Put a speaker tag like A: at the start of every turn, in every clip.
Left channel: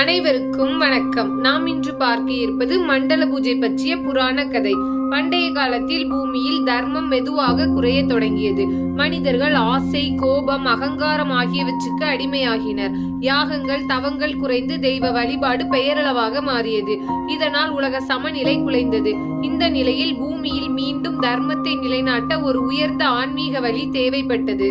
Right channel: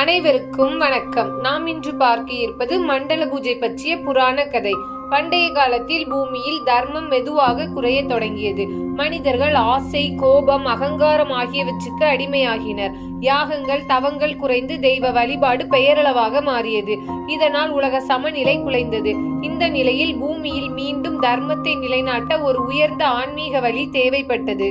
A: அனைவருக்கும் வணக்கம். நாம் இன்று பார்க்க இருப்பது மண்டல பூஜை பற்றிய புராண கதை. பண்டைய காலத்தில் பூமியில் தர்மம் மெதுவாக குறைய தொடங்கியது. மனிதர்கள் ஆசை கோபம் அகங்காரம் ஆகியவற்றுக்கு அடிமையாகினர். யாகங்கள் தவங்கள் குறைந்து தெய்வ வழிபாடு பெயரளவாக மாறியது. இதனால் உலக சமநிலை குலைந்தது. இந்த நிலையில் பூமியில் மீண்டும் தர்மத்தை நிலைநாட்ட ஒரு உயர்ந்த ஆன்மீக வழி தேவைப்பட்டது.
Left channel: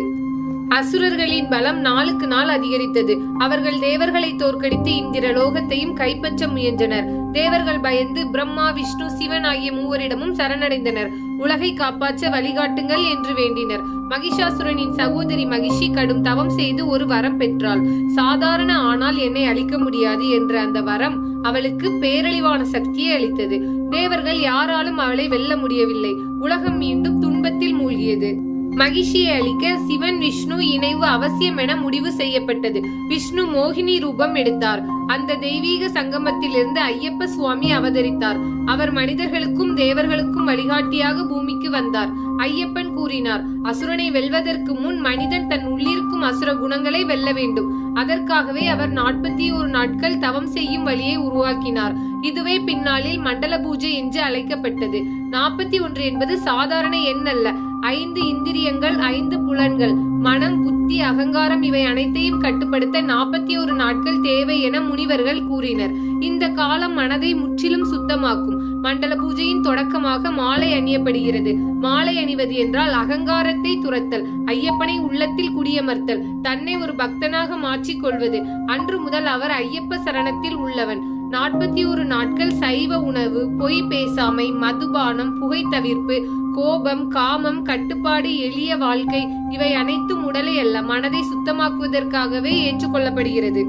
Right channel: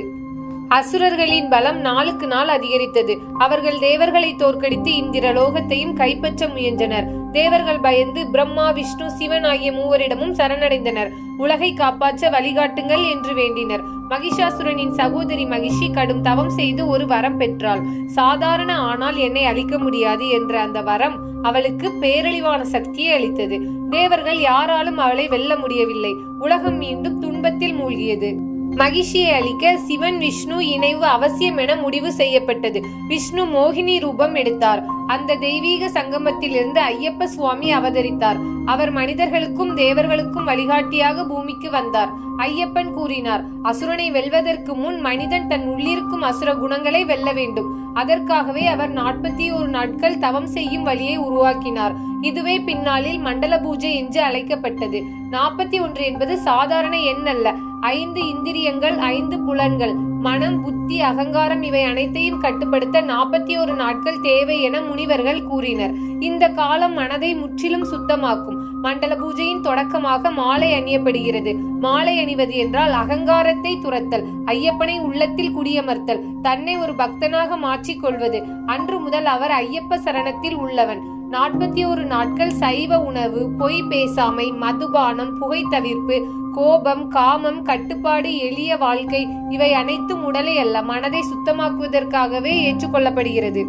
A: அசுரர்களின் பலம் நாளுக்கு நாள் அதிகரித்தது. அவர்கள் தேவர்களை தோற்கடித்து இந்திர லோகத்தையும் கைப்பற்ற முயன்றனர். தேவர்கள் பயந்து பிரம்மா விஷ்ணு சிவன் ஆகிய மூவரிடமும் சரணடைந்தனர். உலகை காப்பாற்ற வழிகாட்டுங்கள் என்று வேண்டினர். மகிஷாசுரனின் சகோதரி மகிஷி கடும் தவம் செய்து ஒரு வரம் பெற்றாள். சாதாரண ஆனால் என்னை அழிக்க முடியாது என்ற அந்த வரம் அவளுக்கு பேரழிவான சக்தியை அளித்தது. தேவர்கள் யாராலும் அவளை வெல்ல முடியவில்லை. உலகம் மீண்டும் துன்பத்தில் மூழ்கியது. மகிஷியை அளிக்க சிவன் விஷ்ணு இணைவு அவசியம் என முடிவு செய்யப்பட்டது. விஷ்ணு மோகினி ரூபம் எடுத்தார். அந்த தெய்வீக சங்கமத்திலிருந்து ஐயப்ப சுவாமி அவதரித்தார். அவர் மனிதர்களுக்கும் தேவர்களுக்கும் வழிகாட்டியாக பூமிக்கு வந்தார். ஐயப்பன் கூறினார் அசுரனை வெல்வதற்கு முன் மனிதன் தன் உள்ளிருக்கும் அசுர குணங்களை வெல்ல வேண்டும். அதற்காகவே அவர் நாற்பத்தி ஒரு நாட்கள் தவம் செய்யும் வழியை உருவாக்கினார். இதுவே பின்னாளில் மண்டல பூஜை என்று அழைக்கப்பட்டது. நாற்பத்தி ஒன்று என்பது சாதாரண எண் அல்ல ஐந்து இந்திரியங்கள் ஐந்து புலன்கள். மனம் புத்தி அகங்காரம் இவை அனைத்தையும் கட்டுப்படுத்த நாற்பத்தி ஒரு நாட்கள் தேவை என முனிவர்கள் கூறினர். இந்த காலம் மனதை முற்றிலும் சுத்தமாக்கும். மண்டல பூஜையின் தொடக்கமாக மாலை அணியப்படுகிறது. மாலை அணிவது என்றால் அகங்காரத்தை துரத்தல் ஐயப்பனை உள்ளத்தில் குடியமர்த்தல் தன்னை ஒரு பக்தனாக மாற்றிக்கொள்வது. அன்று முதல் அவர் ஐயப்ப சரணத்தில் உள்ளவன். நாற்பத்தி ஒரு நாட்கள் சைவ உணவு பொய் பேசாமை மதுபானம் புகை தவிர்ப்பு கோபம் காமம் கட்டுப்பாடு எளிய வாழ்க்கை இவை அனைத்தும் உடலை அல்ல மனதை சுத்தமாக்குவதற்காகவே ஏற்றுக்கொள்ளப்படுகிறது.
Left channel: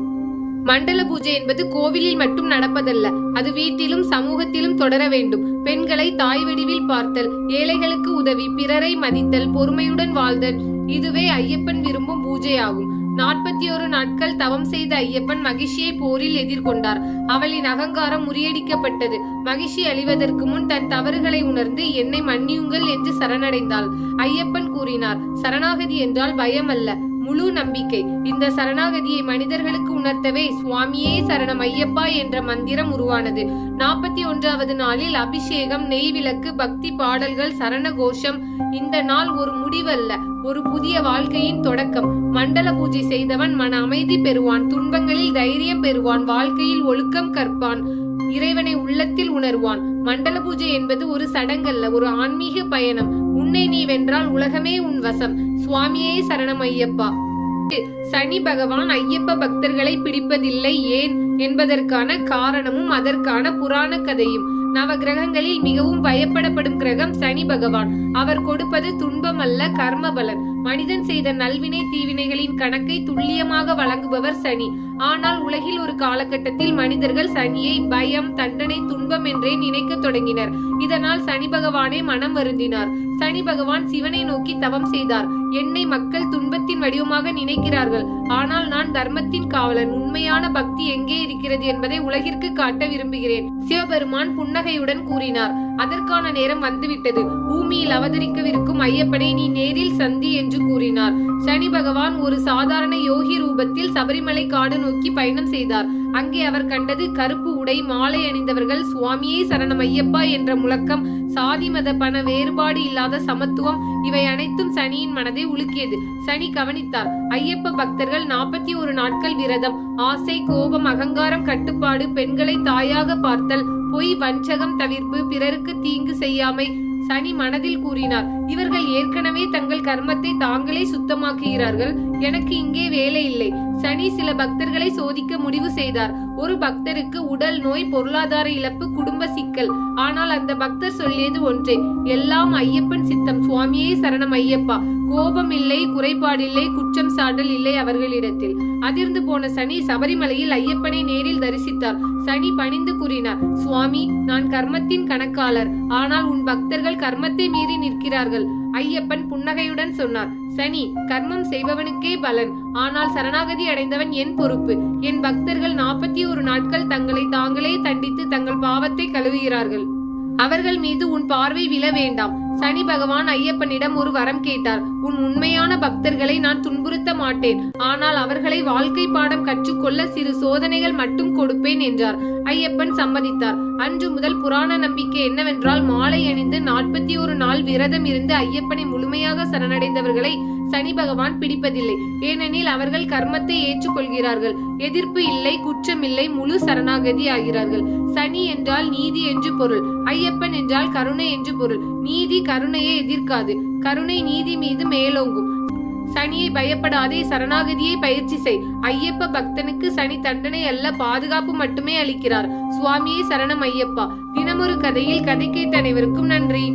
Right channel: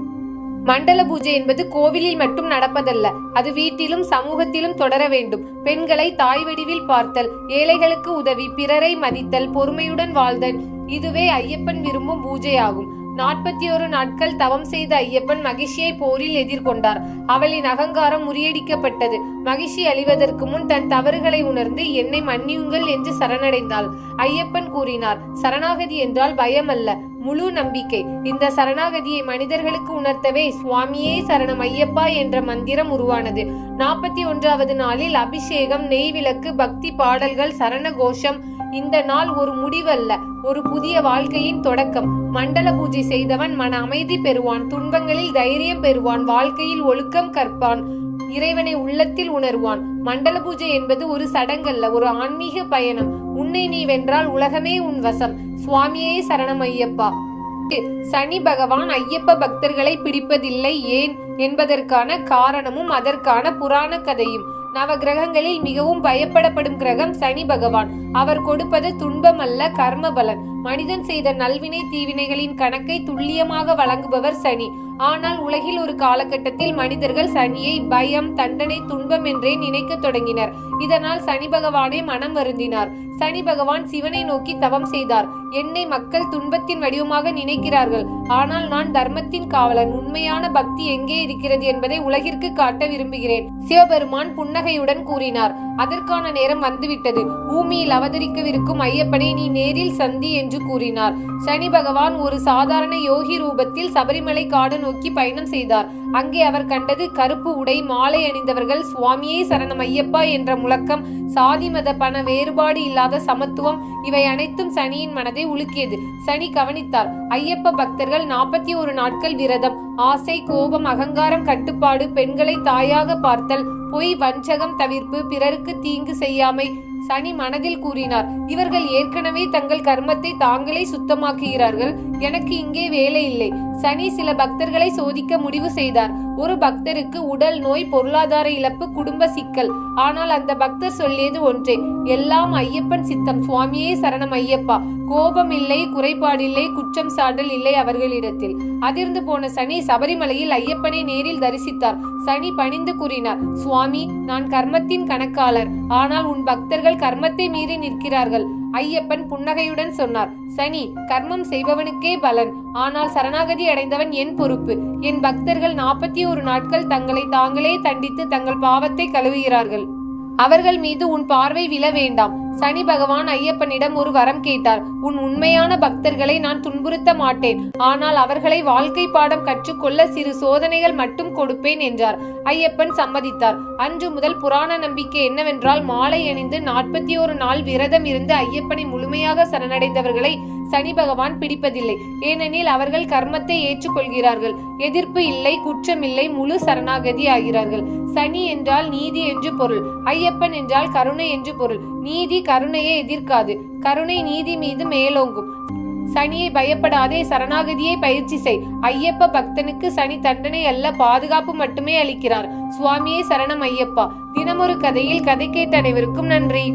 A: மண்டல பூஜை என்பது கோவிலில் மட்டும் நடப்பதல்ல அது வீட்டிலும் சமூகத்திலும் தொடர வேண்டும். பெண்களை தாய் வடிவில் பார்த்தல் ஏழைகளுக்கு உதவி பிறரை மதித்தல் பொறுமையுடன் வாழ்தல் இதுவே ஐயப்பன் விரும்பும் பூஜையாகும். நாற்பத்தி ஒரு நாட்கள் தவம் செய்த ஐயப்பன் மகிழ்ச்சியை போரில் எதிர்கொண்டார். அவளின் அகங்காரம் முறியடிக்கப்பட்டது. மகிழ்ச்சி அழிவதற்கு முன் தன் தவறுகளை உணர்ந்து என்னை மன்னியுங்கள் என்று சரணடைந்தாள். ஐயப்பன் கூறினார் சரணாகதி என்றால் பயம் அல்ல முழு நம்பிக்கை. இந்த சரணாகதியை மனிதர்களுக்கு உணர்த்தவே சுவாமியே சரணம் ஐயப்பா என்ற மந்திரம் உருவானது. நாற்பத்தி ஒன்றாவது நாளில் அபிஷேகம் நெய் விளக்கு பக்தி பாடல்கள் சரண கோஷம் இந்த நாள் ஒரு முடிவல்ல ஒரு புதிய வாழ்க்கையின் தொடக்கம். மண்டல பூஜை செய்தவன் மன அமைதி பெறுவான் துன்பங்களில் தைரியம் பெறுவான் வாழ்க்கையில் ஒழுக்கம் கற்பான் இறைவனை உள்ளத்தில் உணர்வான். மண்டல பூஜை என்பது ஒரு சடங்கல்ல ஒரு ஆன்மீக பயணம். உன்னை நீ வென்றால் உலகமே உன் வசம். சுவாமியே சரணம் ஐயப்பா. சனி பகவான் ஐயப்ப பக்தர்களை பிடிப்பதில்லை ஏன்? என்பதற்கான காரணமும் அதற்கான புராண கதையும். நவ கிரகங்களில் மிகவும் பயப்படப்படும் கிரகம் சனி பகவான். அவர் கொடுப்பது துன்பமல்ல கர்மபலன் கர்ம பலன். மனிதன் செய்த நல்வினை தீவினைகளின் கணக்கை துல்லியமாக வழங்குபவர் சனி. ஆனால் உலகில் ஒரு காலகட்டத்தில் மனிதர்கள் சனியை பயம் தண்டனை துன்பம் என்றே நினைக்க தொடங்கினர். இதனால் சனி பகவானே மனம் வருந்தினார். சனி பகவான் சிவனை நோக்கி தவம் செய்தார். என்னை மக்கள் துன்பத்தின் வடிவமாக நினைக்கிறார்கள். ஆனால் நான் தர்மத்தின் காவலன். உண்மையான பக்தி எங்கே இருக்கிறது என்பதை உலகிற்கு காட்ட விரும்புகிறேன். சிவபெருமான் புன்னகையுடன் கூறினார். அதற்கான நேரம் வந்துவிட்டது. பூமியில் அவதரிக்கவிருக்கும் ஐயப்பனை நீ நேரில் சந்தி என்று கூறினார். சனி பகவான் ஒரு சாதாரண யோகி ரூபத்தில் சபரிமலை காடு நோக்கி பயணம் செய்தார். அங்கே அவர் கண்டது கருப்பு உடை மாலை அணிந்தவர்கள் சுவாமியே சரணம் ஐயப்பா என்ற முழக்கம் சாதி மத பண வேறுபாடு இல்லாத சமத்துவம் இவை அனைத்தும் சனியின் மனதை உலுக்கியது. சனி கவனித்தார் ஐயப்ப பக்தர்கள் நாற்பத்தி ஒரு நாட்கள் விரதம். ஆசை கோபம் அகங்காரம் கட்டுப்பாடு பெண்களை தாயாக பார்த்தல். பொய் வஞ்சகம் தவிர்ப்பு பிறருக்கு தீங்கு செய்யாமை. சனி மனதில் கூறினார் இவர்கள் ஏற்கனவே தங்கள் கர்மத்தை தாங்களே சுத்தமாக்குகிறார்கள். எனக்கு இங்கே வேலை இல்லை. சனி சில பக்தர்களை சோதிக்க முடிவு செய்தார். ஒரு பக்தருக்கு உடல் நோய் பொருளாதார இழப்பு குடும்ப சிக்கல். ஆனால் அந்த பக்தர் சொல்லியது ஒன்றே எல்லாம் ஐயப்பன் சித்தம். சுவாமியே சரணம் ஐயப்பா. கோபம் இல்லை குறைபாடில்லை குற்றம் சாடல் இல்லை அவர்களிடத்தில். அதிர்ந்து போன சனி சபரிமலையில் ஐயப்பனை நேரில் தரிசித்தார். சனி பணிந்து கூறினார் சுவாமி நான் கர்மத்தின் கணக்காளர். ஆனால் உன் பக்தர்கள் கர்மத்தை மீறி நிற்கிறார்கள். ஐயப்பன் புன்னகையுடன் சொன்னார் சனி கர்மம் செய்பவனுக்கே பலன். ஆனால் சரணாகதி அடைந்தவன் என் பொறுப்பு. என் பக்தர்கள் நாற்பத்தி ஒரு நாட்கள் தங்களை தாங்களே தண்டித்து தங்கள் பாவத்தை கழுவுகிறார்கள். அவர்கள் மீது உன் பார்வை விழ வேண்டாம். சனி பகவான் ஐயப்பனிடம் ஒரு வரம் கேட்டார். உன் உண்மையான பக்தர்களை நான் துன்புறுத்த மாட்டேன். ஆனால் அவர்களை வாழ்க்கை பாடம் கற்றுக்கொள்ள சிறு சோதனைகள் மட்டும் கொடுப்பேன் என்றார். ஐயப்பன் சம்மதித்தார். அன்று முதல் புராண நம்பிக்கை என்னவென்றால் மாலை அணிந்து நாற்பத்தி ஒரு நாள் விரதம் இருந்து ஐயப்பனை முழுமையாக சரணடைந்தவர்களை சனி பகவான் பிடிப்பதில்லை. ஏனெனில் அவர்கள் கர்மத்தை ஏற்றுக்கொள்கிறார்கள். எதிர்ப்பு இல்லை குற்றமில்லை முழு சரணாகதி ஆகிறார்கள். சனி என்றால் நீதி என்று பொருள். ஐயப்பன் என்றால் கருணை என்று பொருள். நீதி கருணையை எதிர்க்காது. கருணை நீதி மீது மேலோங்கும். சனியை பயப்படாதே சரணாகதியை பயிற்சி செய். ஐயப்ப பக்தனுக்கு சனி தண்டனை அல்ல பாதுகாப்பு மட்டுமே அளிக்கிறார். சுவாமியே சரணம் ஐயப்பா. தினமொரு கதையில் கதை கேட்ட அனைவருக்கும் நன்றி.